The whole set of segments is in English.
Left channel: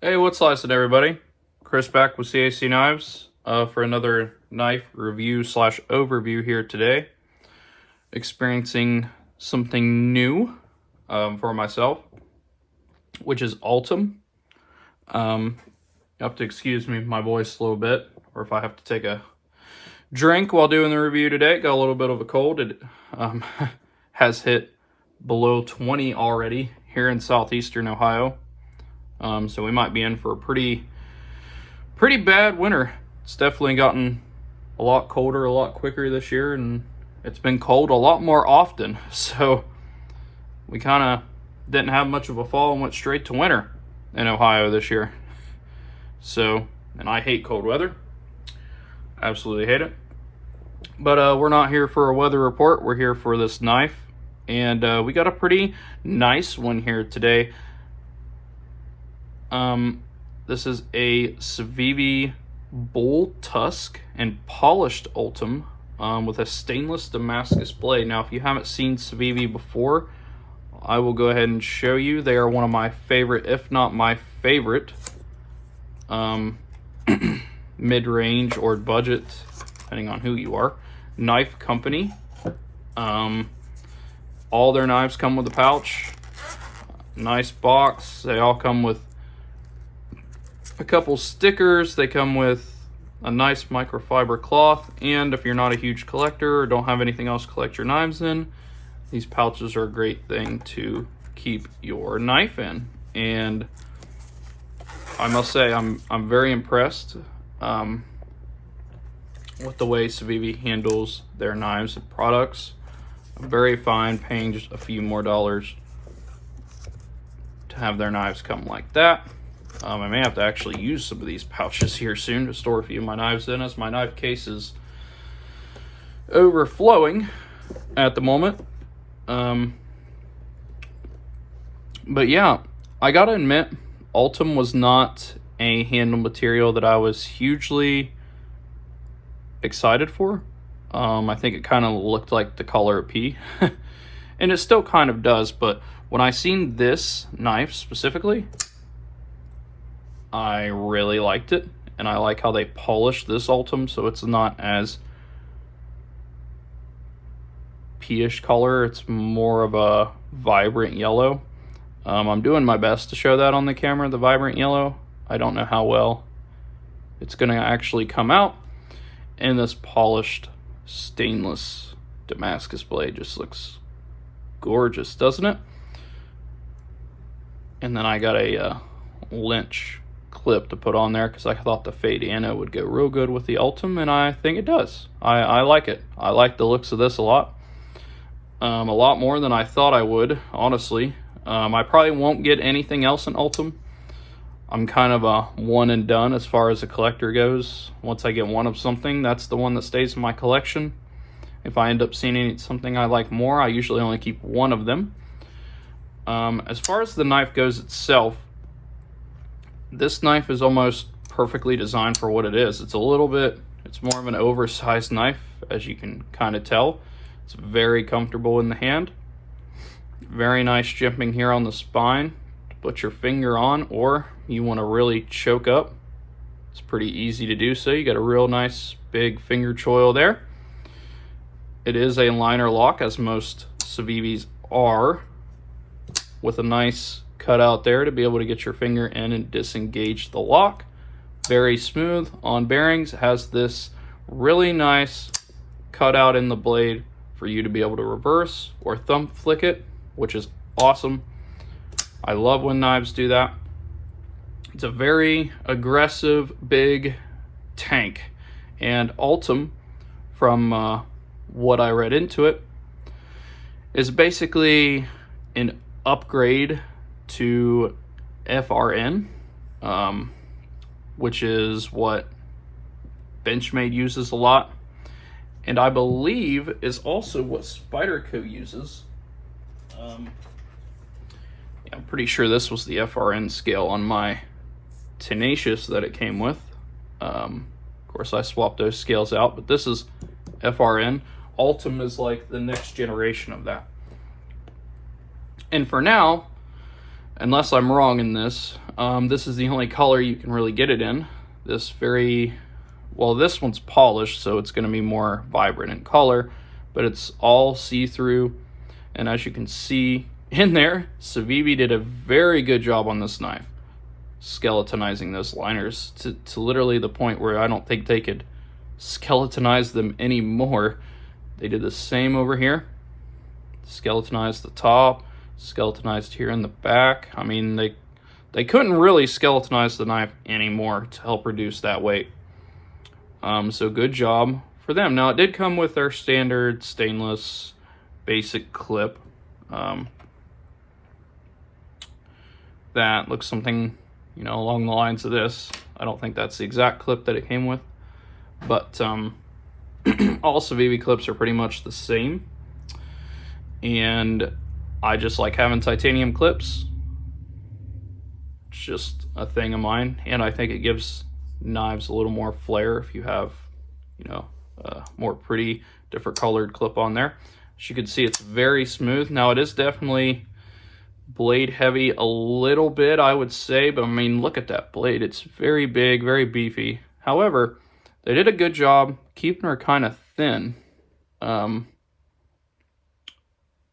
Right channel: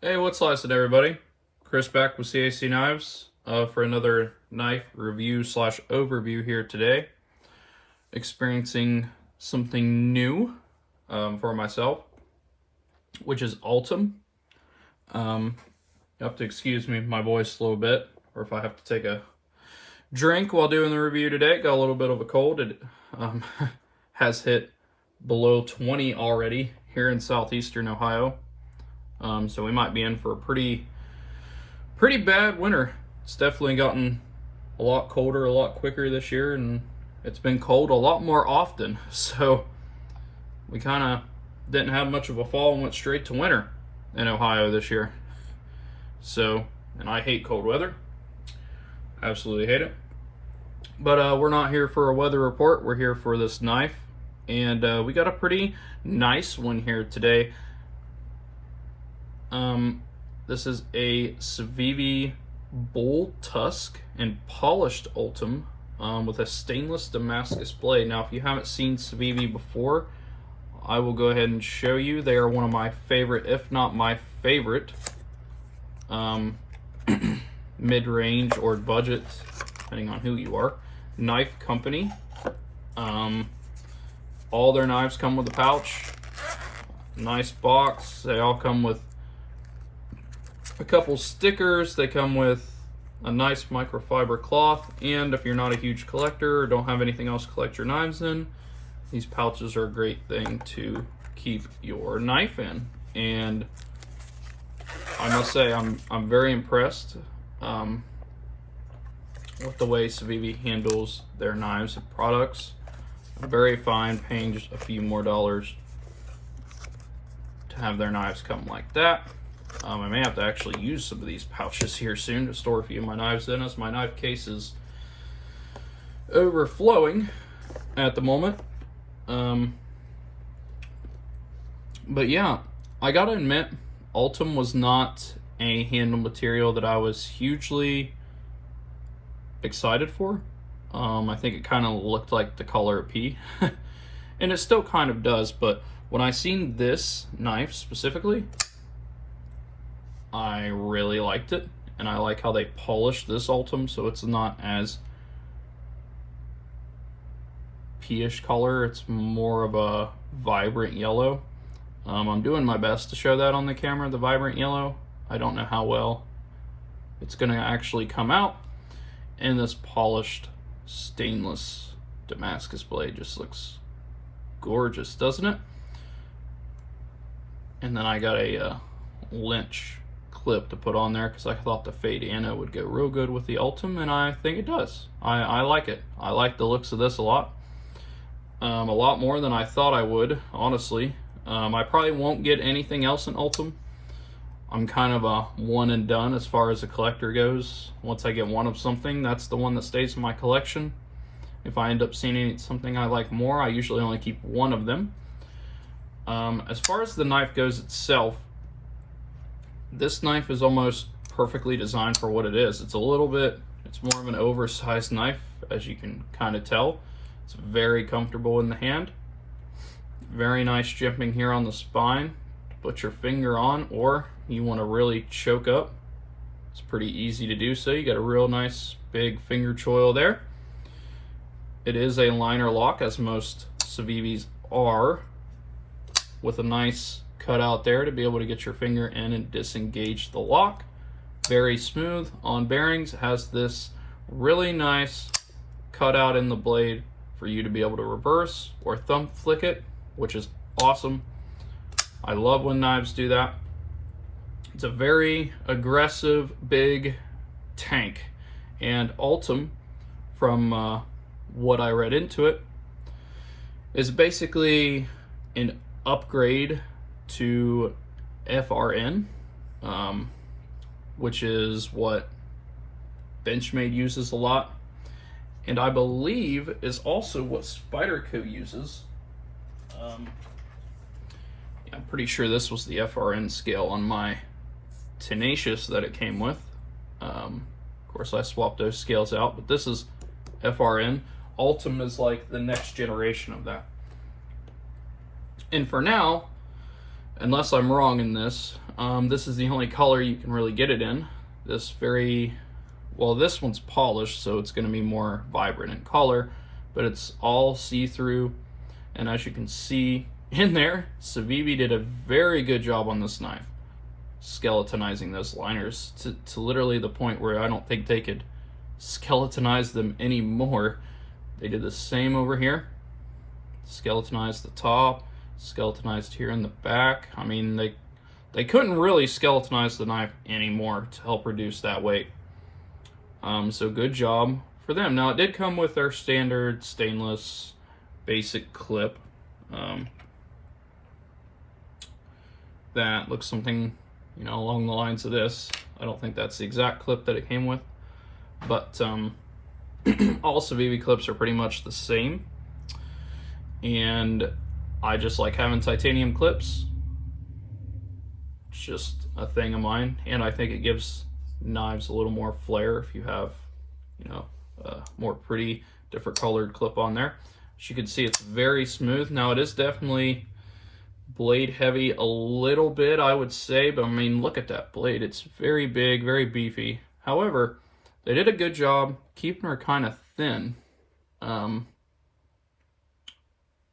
Hey, what's lasted, everybody? Chris back with CAC Knives for another knife review slash overview here today. Experiencing something new for myself, which is Ultem. You have to excuse me, my voice a little bit, or if I have to take a drink while doing the review today. Got a little bit of a cold. It has hit below 20 already here in southeastern Ohio. So we might be in for a pretty bad winter. It's definitely gotten a lot colder, a lot quicker this year, and it's been cold a lot more often. So we kind of didn't have much of a fall and went straight to winter in Ohio this year. So, and I hate cold weather. Absolutely hate it. But we're not here for a weather report. We're here for this knife. And we got a pretty nice one here today. This is a Civivi Bulltusk and polished Ultem with a stainless Damascus blade. Now, if you haven't seen Civivi before, I will go ahead and show you. They are one of my favorite, if not my favorite, mid-range or budget, depending on who you are, knife company. All their knives come with a pouch, nice box. They all come with a couple stickers. They come with a nice microfiber cloth, and if you're not a huge collector or don't have anything else to collect your knives in, these pouches are a great thing to keep your knife in. And I must say I'm very impressed with the way Civivi handles their knives and products. I'm very fine paying just a few more dollars to have their knives come like that. I may have to actually use some of these pouches here soon to store a few of my knives in, as my knife case is overflowing at the moment. But yeah, I gotta admit, Ultem was not a handle material that I was hugely excited for. I think it kind of looked like the color of pea, and it still kind of does, but when I seen this knife specifically, I really liked it, and I like how they polished this Ultem so it's not as pea-ish color. It's more of a vibrant yellow. I'm doing my best to show that on the camera, the vibrant yellow. I don't know how well it's going to actually come out. And this polished stainless Damascus blade just looks gorgeous, doesn't it? And then I got a lynch clip to put on there because I thought the fade anno would go real good with the Ultem, and I think it does. I like it. I like the looks of this a lot more than I thought I would, honestly. I probably won't get anything else in Ultem. I'm kind of a one and done as far as a collector goes. Once I get one of something, that's the one that stays in my collection. If I end up seeing something I like more, I usually only keep one of them. As far as the knife goes itself, this knife is almost perfectly designed for what it is. It's more of an oversized knife, as you can kind of tell. It's very comfortable in the hand. Very nice jimping here on the spine to put your finger on, or you want to really choke up. It's pretty easy to do so. You got a real nice big finger choil there. It is a liner lock, as most Civivis are, with a nice cutout there to be able to get your finger in and disengage the lock. Very smooth on bearings. It has this really nice cutout in the blade for you to be able to reverse or thumb flick it, which is awesome. I love when knives do that. It's a very aggressive, big tank. And Ultem, from what I read into it, is basically an upgrade to FRN, which is what Benchmade uses a lot, and I believe is also what Spyderco uses. Yeah, I'm pretty sure this was the FRN scale on my Tenacious that it came with. Of course, I swapped those scales out, but this is FRN. Ultem is like the next generation of that. And for now, unless I'm wrong in this, this is the only color you can really get it in. This this one's polished, so it's going to be more vibrant in color, but it's all see-through. And as you can see in there, Civivi did a very good job on this knife, skeletonizing those liners to literally the point where I don't think they could skeletonize them anymore. They did the same over here. Skeletonized the top, skeletonized here in the back. I mean, they couldn't really skeletonize the knife anymore to help reduce that weight. So good job for them. Now, it did come with their standard stainless basic clip that looks something, you know, along the lines of this. I don't think that's the exact clip that it came with, but all Civivi clips are pretty much the same. And I just like having titanium clips. It's just a thing of mine, and I think it gives knives a little more flair if you have, you know, a more pretty different colored clip on there. As you can see, it's very smooth. Now, it is definitely blade heavy a little bit, I would say, but I mean, look at that blade. It's very big, very beefy. However, they did a good job keeping her kind of thin.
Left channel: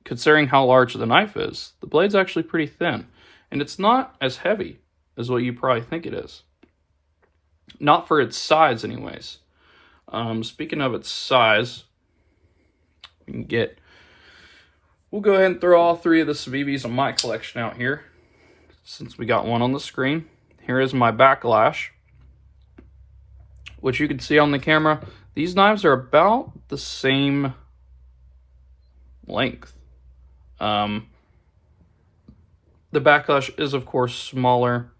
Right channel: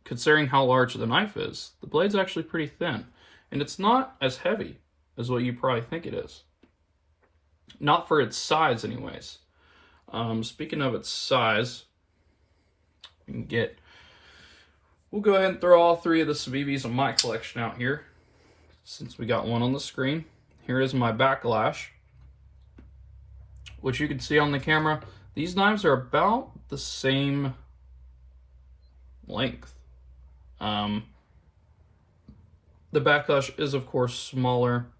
Considering how large the knife is, the blade's actually pretty thin, and it's not as heavy as what you probably think it is. Not for its size, anyways. Speaking of its size, we'll go ahead and throw all three of the Civivis in my collection out here, since we got one on the screen. Here is my backlash, which you can see on the camera. These knives are about the same length. The backlash is, of course, smaller,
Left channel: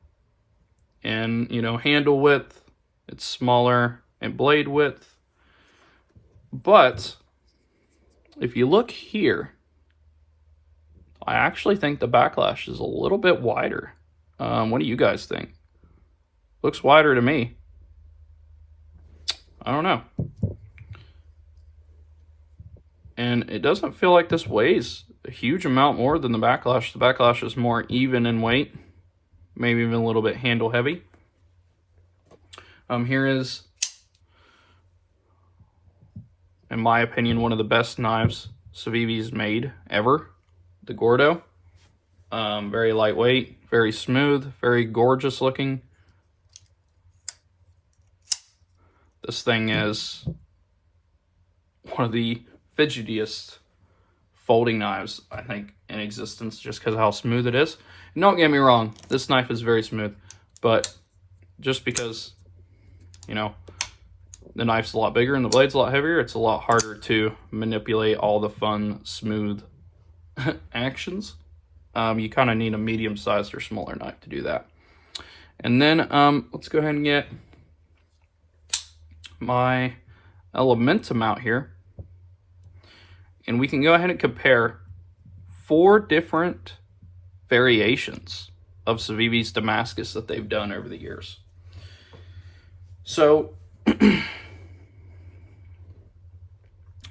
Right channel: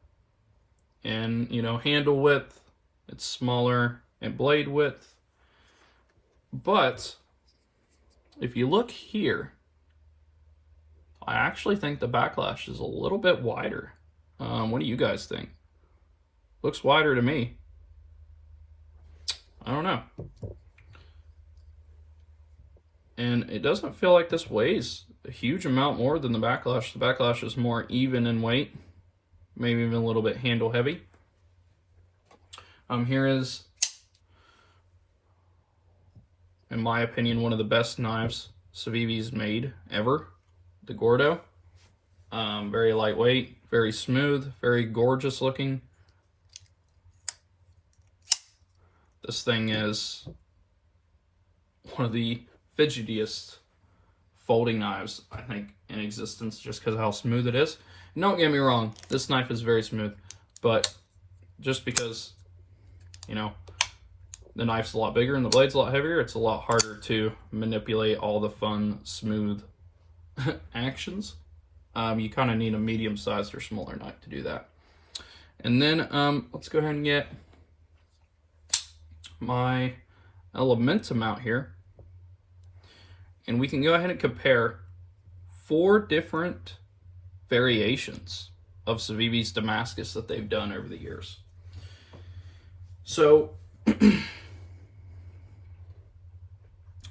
and, you know, handle width, it's smaller, and blade width. But if you look here, I actually think the backlash is a little bit wider. What do you guys think? Looks wider to me. I don't know. And it doesn't feel like this weighs a huge amount more than the backlash. The backlash is more even in weight, maybe even a little bit handle heavy. Here is, in my opinion, one of the best knives Civivi's made ever, the Gordo. Very lightweight, very smooth, very gorgeous looking. This thing is one of the fidgetiest folding knives, I think, in existence, just because of how smooth it is. And don't get me wrong, this knife is very smooth, but just because, you know, the knife's a lot bigger and the blade's a lot heavier, it's a lot harder to manipulate all the fun, smooth actions. You kind of need a medium-sized or smaller knife to do that. And then let's go ahead and get my Elementum out here. And we can go ahead and compare 4 different variations of Civivi's Damascus that they've done over the years. So,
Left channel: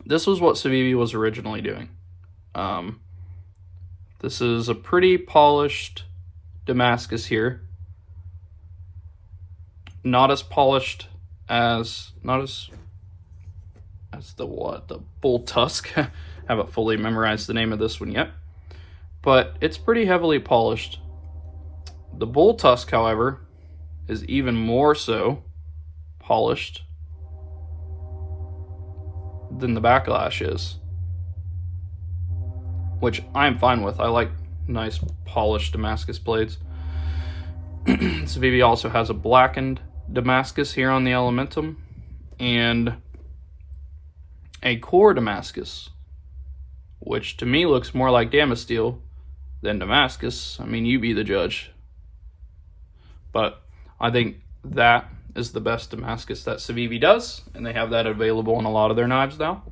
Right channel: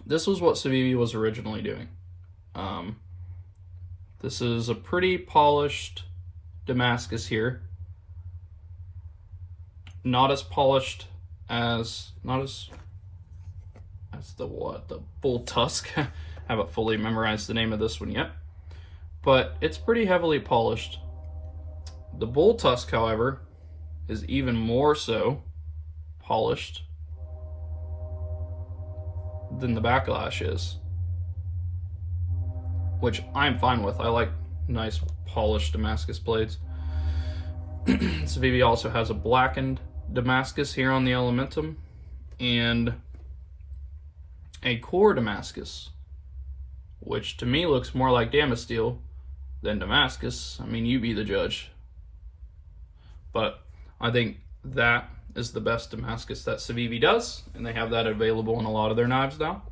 this was what Civivi was originally doing. This is a pretty polished Damascus here. Not as polished as, the Bulltusk. Haven't fully memorized the name of this one yet, but it's pretty heavily polished. The Bulltusk, however, is even more so polished than the backlash is, which I'm fine with. I like nice polished Damascus blades. Civivi also has a blackened Damascus here on the Elementum, and a core Damascus, which to me looks more like Damasteel than Damascus. I mean, you be the judge. But I think that is the best Damascus that Civivi does, and they have that available in a lot of their knives now.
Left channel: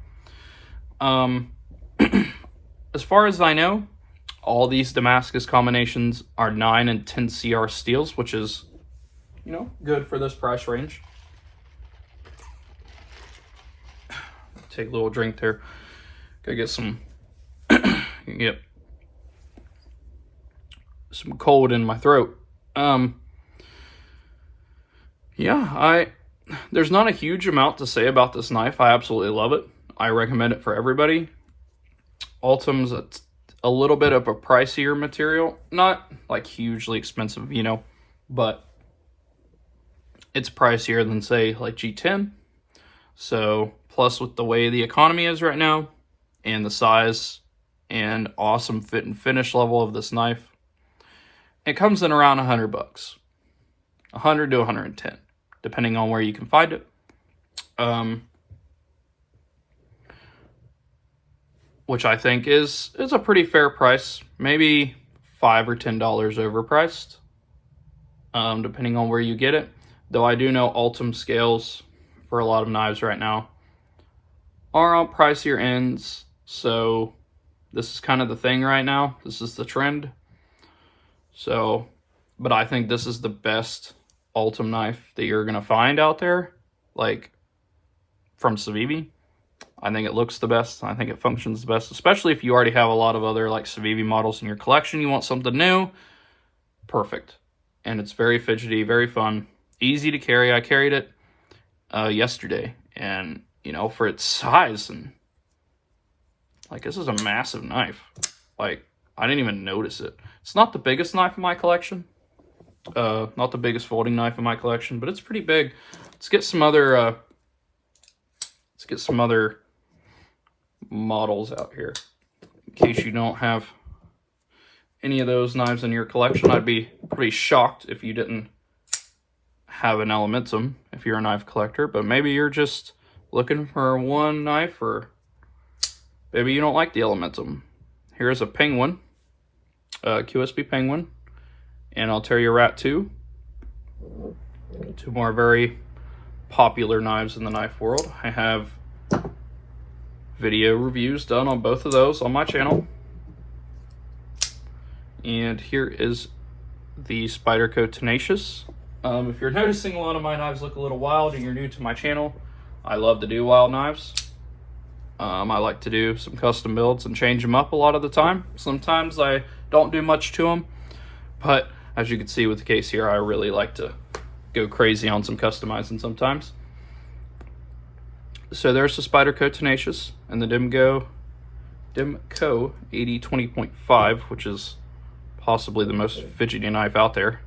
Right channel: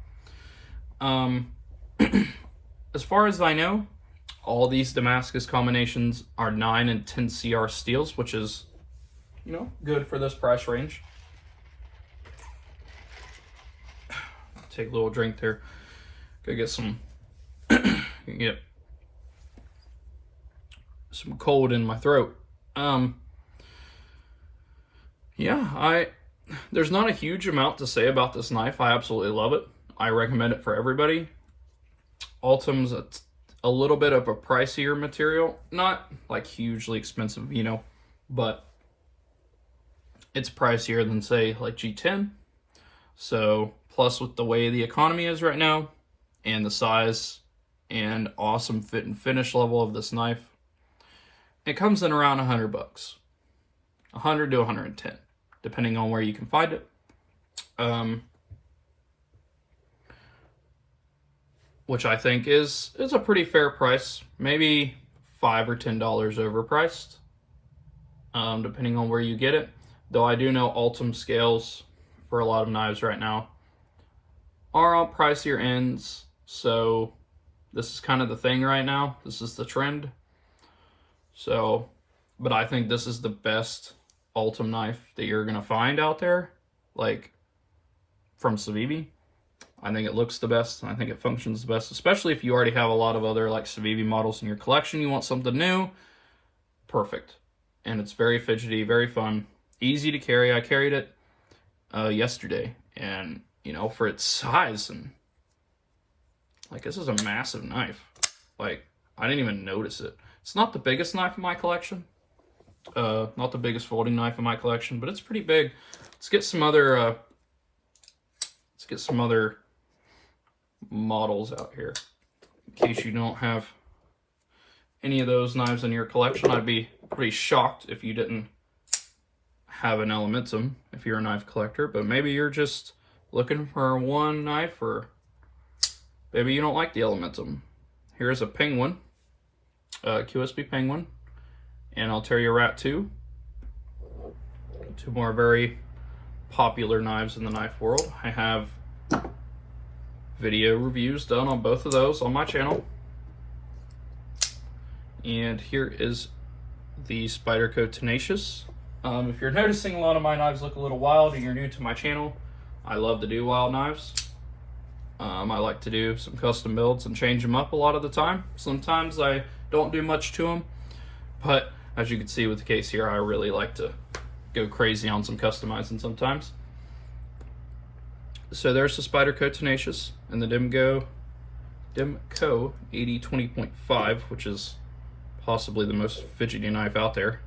As far as I know, all these Damascus combinations are 9 and 10 CR steels, which is, you know, good for this price range. Take a little drink there. Go get some. Get some cold in my throat. Yeah, there's not a huge amount to say about this knife. I absolutely love it. I recommend it for everybody. Ultem's a little bit of a pricier material, not like hugely expensive, you know, but it's pricier than, say, like G10. So, plus with the way the economy is right now, and the size and awesome fit and finish level of this knife, it comes in around $100, 100 to 110, depending on where you can find it. Which I think is a pretty fair price, maybe $5 or $10 overpriced, depending on where you get it. Though I do know Ultem scales for a lot of knives right now are on pricier ends, so this is kind of the thing right now. This is the trend. So, but I think this is the best Ultem knife that you're gonna find out there, like from Civivi. I think it looks the best. I think it functions the best, especially if you already have a lot of other like Civivi models in your collection. You want something new, perfect. And it's very fidgety, very fun, easy to carry. I carried it yesterday, and you know, for its size, and like, this is a massive knife. Like, I didn't even notice it. It's not the biggest knife in my collection, not the biggest folding knife in my collection, but it's pretty big. Let's get some other models out here, in case you don't have any of those knives in your collection. I'd be pretty shocked if you didn't have an Elementum if you're a knife collector, but maybe you're just looking for one knife, or maybe you don't like the Elementum. Here's a Penguin, QSB Penguin, and Ulterior Rat 2. Two more very popular knives in the knife world. I have video reviews done on both of those on my channel. And here is the Spyderco Tenacious. If you're noticing a lot of my knives look a little wild and you're new to my channel, I love to do wild knives. I like to do some custom builds and change them up a lot of the time. Sometimes I don't do much to them, but as you can see with the case here, I really like to go crazy on some customizing sometimes. So there's the Spyderco Tenacious and the Demco 80-20.5, which is possibly the most fidgety knife out there,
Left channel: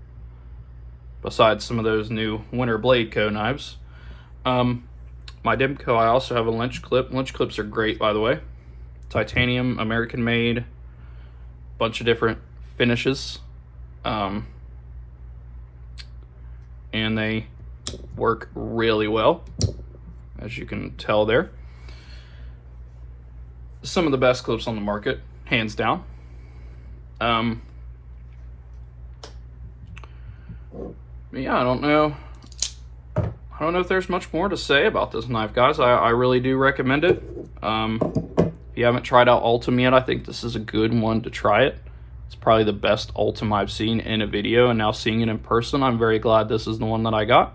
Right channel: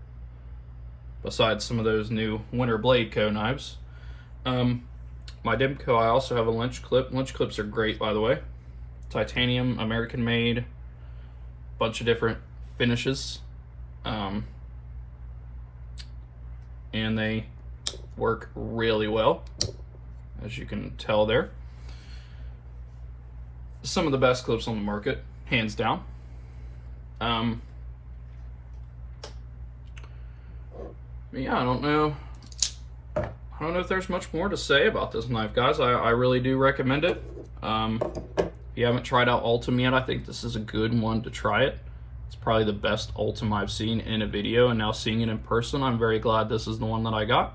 besides some of those new Winter Blade Co. knives. My Demco, I also have a Lynch clip. Lynch clips are great, by the way. Titanium, American made, bunch of different finishes. And they work really well, as you can tell there. Some of the best clips on the market, hands down. Yeah, I don't know if there's much more to say about this knife, guys. I really do recommend it. If you haven't tried out Ultem yet, I think this is a good one to try it. It's probably the best Ultem I've seen in a video, and now seeing it in person, I'm very glad this is the one that I got.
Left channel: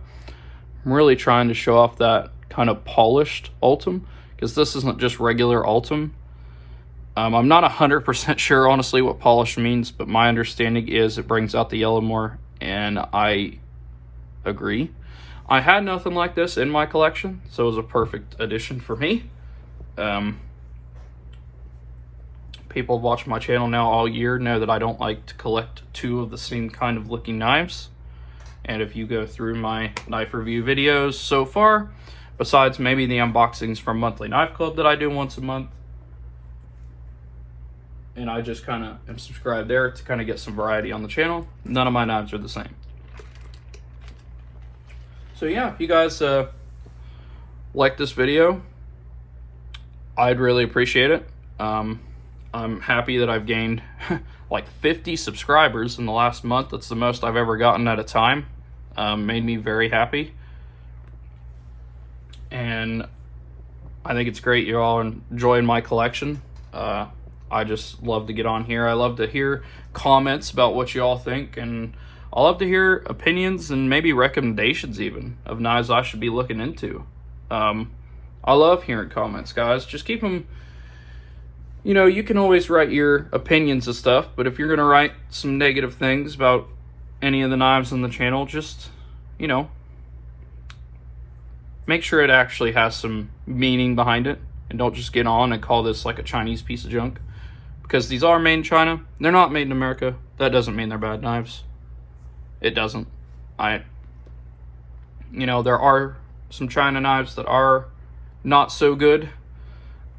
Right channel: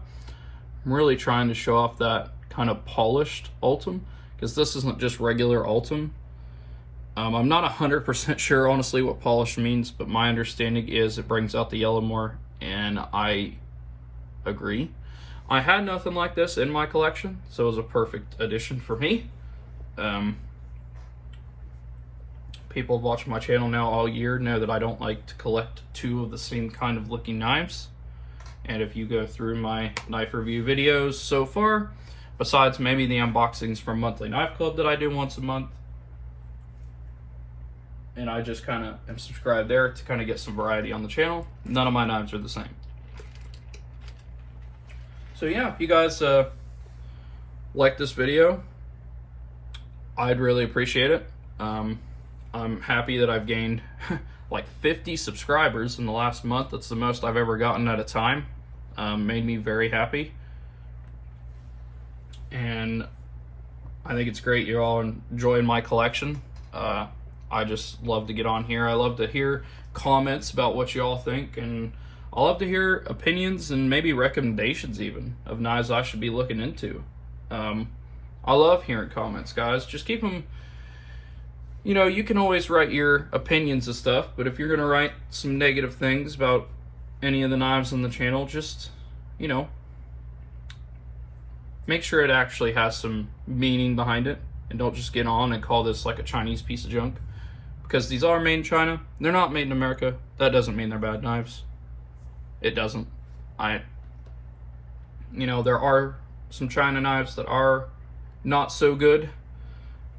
I'm really trying to show off that kind of polished Ultem, because this isn't just regular Ultem. I'm not 100% sure, honestly, what polished means, but my understanding is it brings out the yellow more, and I agree. I had nothing like this in my collection, so it was a perfect addition for me. People who watch my channel now all year know that I don't like to collect two of the same kind of looking knives. And if you go through my knife review videos so far, besides maybe the unboxings from Monthly Knife Club that I do once a month, and I just kind of am subscribed there to kind of get some variety on the channel, none of my knives are the same. So yeah, if you guys like this video, I'd really appreciate it. I'm happy that I've gained like 50 subscribers in the last month. That's the most I've ever gotten at a time. Made me very happy. And I think it's great you're all enjoying my collection. I just love to get on here. I love to hear comments about what you all think, and I love to hear opinions and maybe recommendations even of knives I should be looking into. I love hearing comments, guys. Just keep them you know, you can always write your opinions of stuff, but if you're going to write some negative things about any of the knives on the channel, just, you know, make sure it actually has some meaning behind it, and don't just get on and call this like a Chinese piece of junk. Because these are made in China. They're not made in America. That doesn't mean they're bad knives. It doesn't. You know, there are some China knives that are not so good.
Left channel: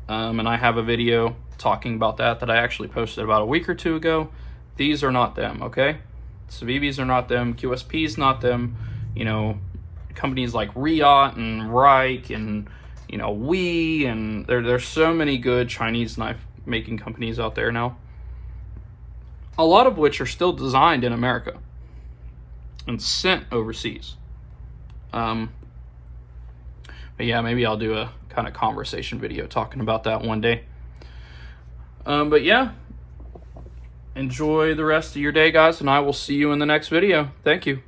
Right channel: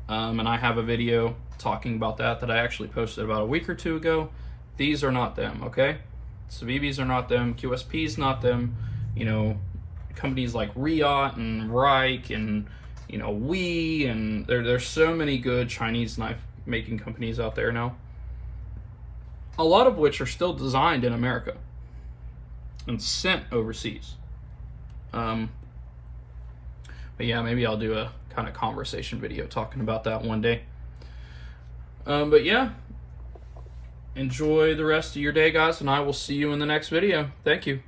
And I have a video talking about that I actually posted about a week or two ago. These are not them, okay? Civivis are not them. QSP's not them. You know, companies like Riot and Reich and, you know, Wee, and there's so many good Chinese knife making companies out there now. A lot of which are still designed in America and sent overseas. But yeah, maybe I'll do a kind of conversation video talking about that one day. But yeah, enjoy the rest of your day, guys, and I will see you in the next video. Thank you.